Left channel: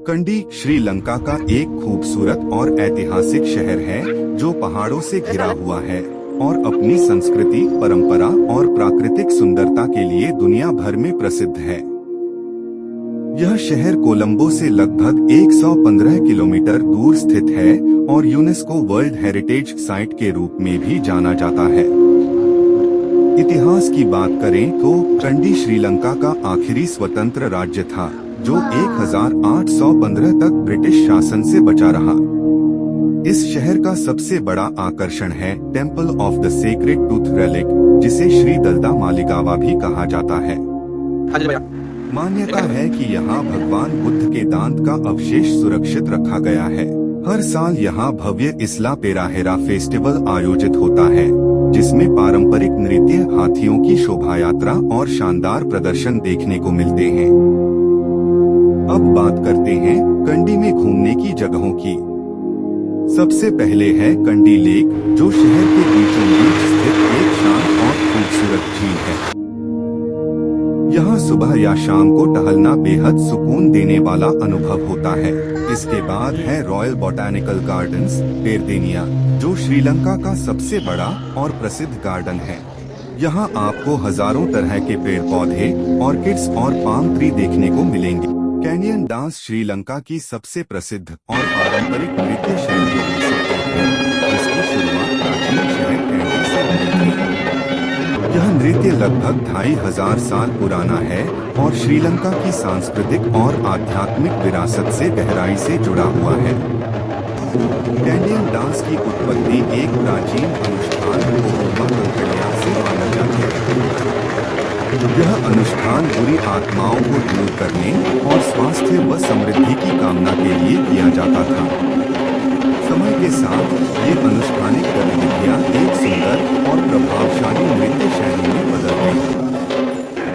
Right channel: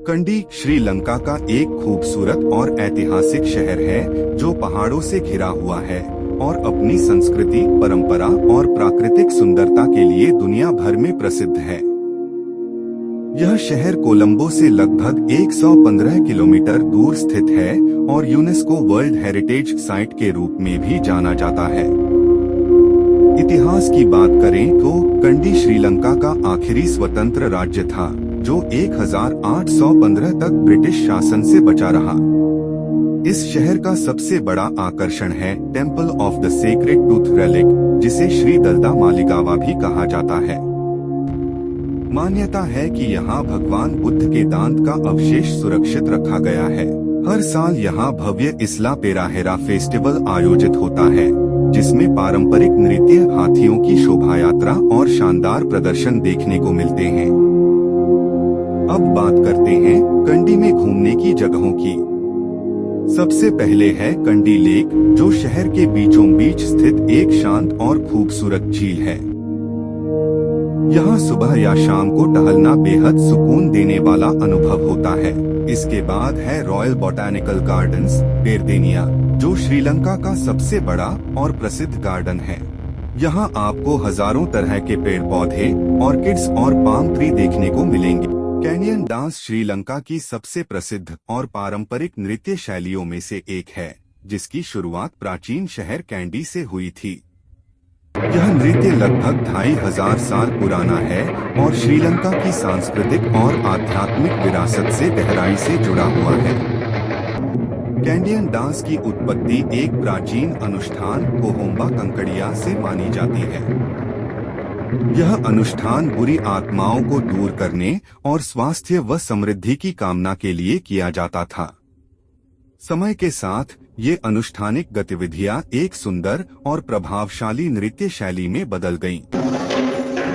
कंडी श्रीलंका का एक खूबसूरत और ऐतिहासिक शहर है जो पहाड़ों से घिरा हुआ है और अपनी संस्कृति, परंपरा और प्राकृतिक सुंदरता के लिए दुनिया भर में प्रसिद्ध है। यह शहर कोलंबो से लगभग 115 किलोमीटर दूर स्थित है और यूनेस्को वर्ल्ड हेरिटेज साइट के रूप में भी जाना जाता है। इतिहास की बात करें तो कंडी श्रीलंका का आखिरी स्वतंत्र राज्य था जो 1815 तक ब्रिटिश शासन से बचा रहा। इस शहर का सबसे बड़ा आकर्षण है temple of the sacred tooth relic, जिसे श्री दलदा मालिगावा भी कहा जाता है। मान्यता है कि यहाँ भगवान बुद्ध के दांत का अवशेष सुरक्षित रखा गया है। हर साल यहाँ भव्य इस्ला पेराहेरा फेस्टिवल आयोजित होता है, जिसमें पारंपरिक नृत्य, हाथियों की शोभा यात्रा और शानदार प्रदर्शन देखने को मिलते हैं। अब बात करते हैं कंडी में घूमने की जगहों की। सबसे पहले है कंडी लेक, जो शहर के बीचों बीच स्थित एक शांत और खूबसूरत झील है। यहाँ सुबह या शाम को टहलना बेहद सुकून देने वाला अनुभव होता है। इसके बाद है रॉयल बॉटैनिकल गार्डन्स पेरदेनिया, जो श्रीलंका का सबसे बड़ा और प्रसिद्ध गार्डन है। यहाँ आपको हजारों तरह के पेड़ पौधे, ऑर्किड्स और पाम ट्री देखने को मिलेंगे। कैनियन डांस श्रीलंका की सबसे प्रसिद्ध और पारंपरिक नृत्य शैलियों में से एक है, जिसकी शुरुआत प्राचीन शहर कैंडी से हुई थी। यह नृत्य लगभग 2500 साल पुराना है और श्रीलंका की सांस्कृतिक और आध्यात्मिक विरासत से गहराई से जुड़ा हुआ है। कैंडियन डांस की उत्पत्ति एक प्राचीन अनुष्ठान कोहुम्बा कंकड़िया से मानी जाती है। यह अनुष्ठान बुरी आत्माओं को दूर करने और स्वास्थ्य व समृद्धि की कामना के लिए किया जाता था। समय के साथ ये अनुष्ठानिक गतिविधियां एक सुंदर और प्रभावशाली नृत्य शैली में बदल गईं।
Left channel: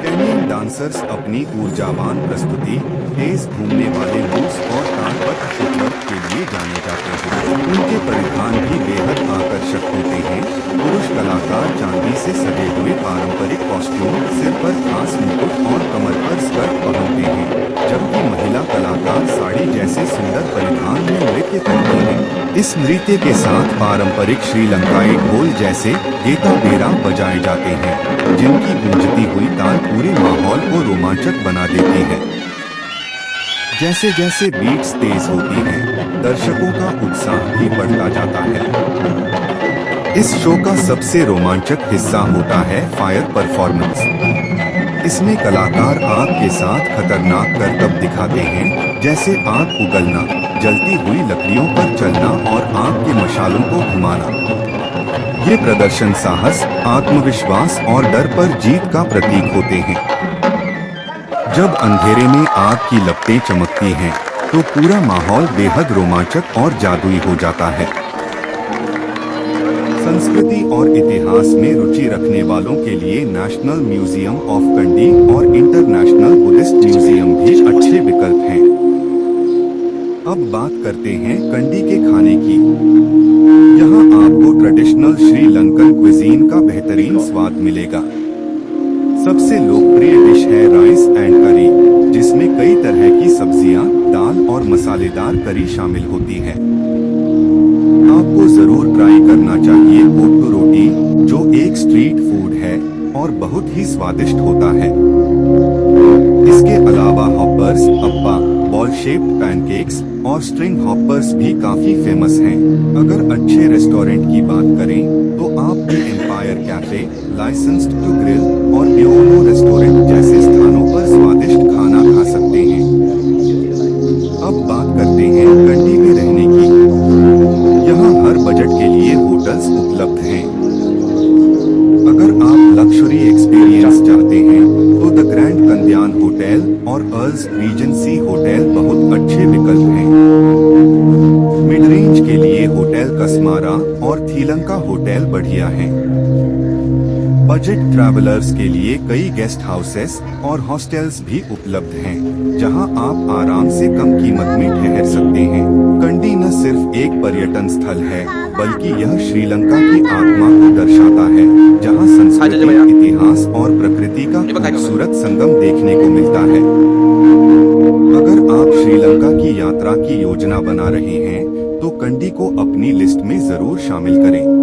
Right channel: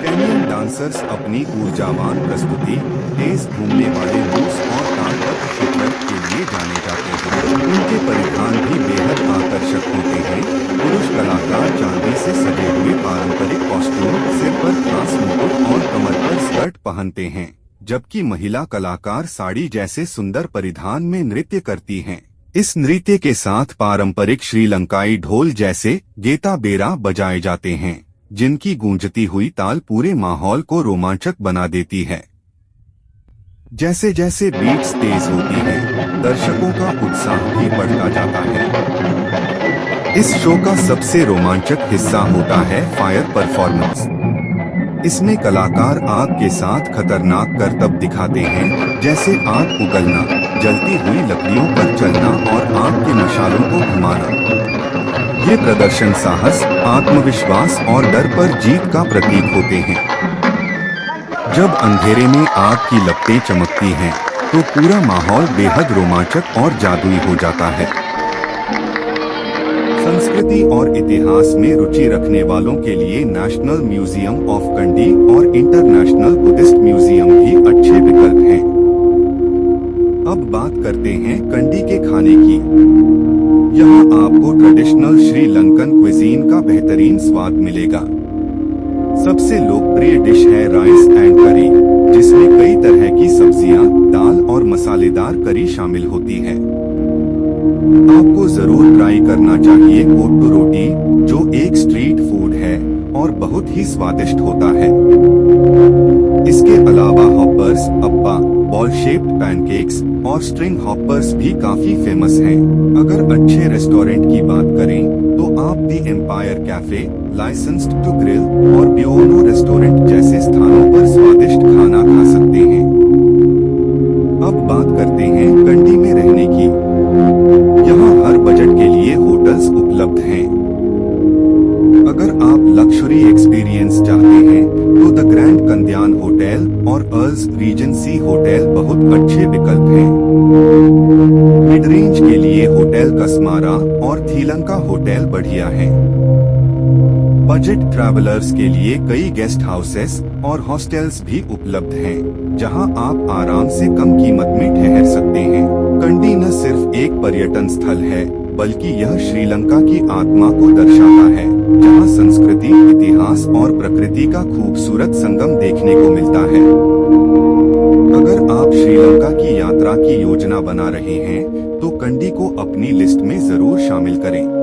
कैनियन डांसर्स अपनी ऊर्जावान प्रस्तुति, तेज घूमने वाले मूव्स और तालबद्ध फुटवर्क के लिए जाने जाते हैं। उनके परिधान भी बेहद आकर्षक होते हैं। पुरुष कलाकार चांदी से सजे हुए पारंपरिक कॉस्ट्यूम, सिर पर खास मुकुट और कमर पर स्कर्ट पहनते हैं, जबकि महिला कलाकार साड़ी जैसे सुंदर परिधान में नृत्य करती हैं। इस नृत्य के साथ पारंपरिक श्रीलंकाई ढोल जैसे गेता बेरा बजाए जाते हैं, जिनकी गूंजती हुई ताल पूरे माहौल को रोमांचक बना देती है। जैसे जैसे बीट्स तेज होती हैं, दर्शकों का उत्साह भी बढ़ता जाता है। इस शो का सबसे रोमांचक हिस्सा होता है फायर परफॉर्मेंस। इसमें कलाकार आग के साथ खतरनाक करतब दिखाते हैं, जैसे आग उगलना, जलती हुई लकड़ियों पर चलना और आग के मशालों को घुमाना। ये प्रदर्शन साहस, आत्मविश्वास और डर पर जीत का प्रतीक होते हैं। जब अंधेरे में आग की लपटें चमकती हैं, तो पूरा माहौल बेहद रोमांचक और जादुई हो जाता है। संस्कृति और इतिहास में रुचि रखने वालों के लिए नेशनल म्यूजियम ऑफ कंडी और इंटरनेशनल बुद्धिस्ट म्यूजियम भी अच्छे विकल्प हैं। अब बात करते हैं कंडी के खाने की। यहाँ आपको ट्रेडिशनल श्रीलंकन क्विजीन का बेहतरीन स्वाद मिलेगा। सबसे लोकप्रिय डिश है राइस एंड करी, जिसमें कई तरह की सब्जियां, दाल और मसालेदार करी शामिल होती है। आपको जरूर ट्राई करना चाहिए कोट्टू रोटी, जो एक स्ट्रीट फूड है और बहुत ही स्वादिष्ट होता है। इसके अलावा हॉपर्स, अप्पा, बॉल शेप्ड पैनकेक्स और स्ट्रिंग हॉपर्स भी काफी फेमस हैं। अगर अच्छे रेस्टोरेंट की बात करें तो आप दी empire cafe, licensed to grill और बियोनो रेस्टोरेंट जैसे स्थानों पर स्वादिष्ट खाना खा सकते हैं। अब बात करते हैं कंडी में रहने की। यहाँ हर बजट के लिए होटल्स उपलब्ध हैं। अगर आप लग्जरी एक्सपीरियंस चाहते हैं तो द ग्रैंड कंदियान होटल और अर्ल्स रीजेंसी होटल बहुत अच्छे विकल्प हैं। मिड रेंज के लिए होटल कसमारा और थीलंका होटल बढ़िया हैं। बजट ट्रैवलर्स के लिए कई गेस्ट हाउसेस और हॉस्टल्स भी उपलब्ध हैं, जहां आप आराम से कम कीमत में ठहर सकते हैं। कंडी न सिर्फ एक पर्यटन स्थल है, बल्कि यह श्रीलंका की आत्मा को दर्शाता है, जहां संस्कृति, इतिहास और प्रकृति का खूबसूरत संगम देखने को मिलता है। अगर आप श्रीलंका की यात्रा की योजना बना रहे हैं तो कंडी को अपनी लिस्ट में जरूर शामिल करें।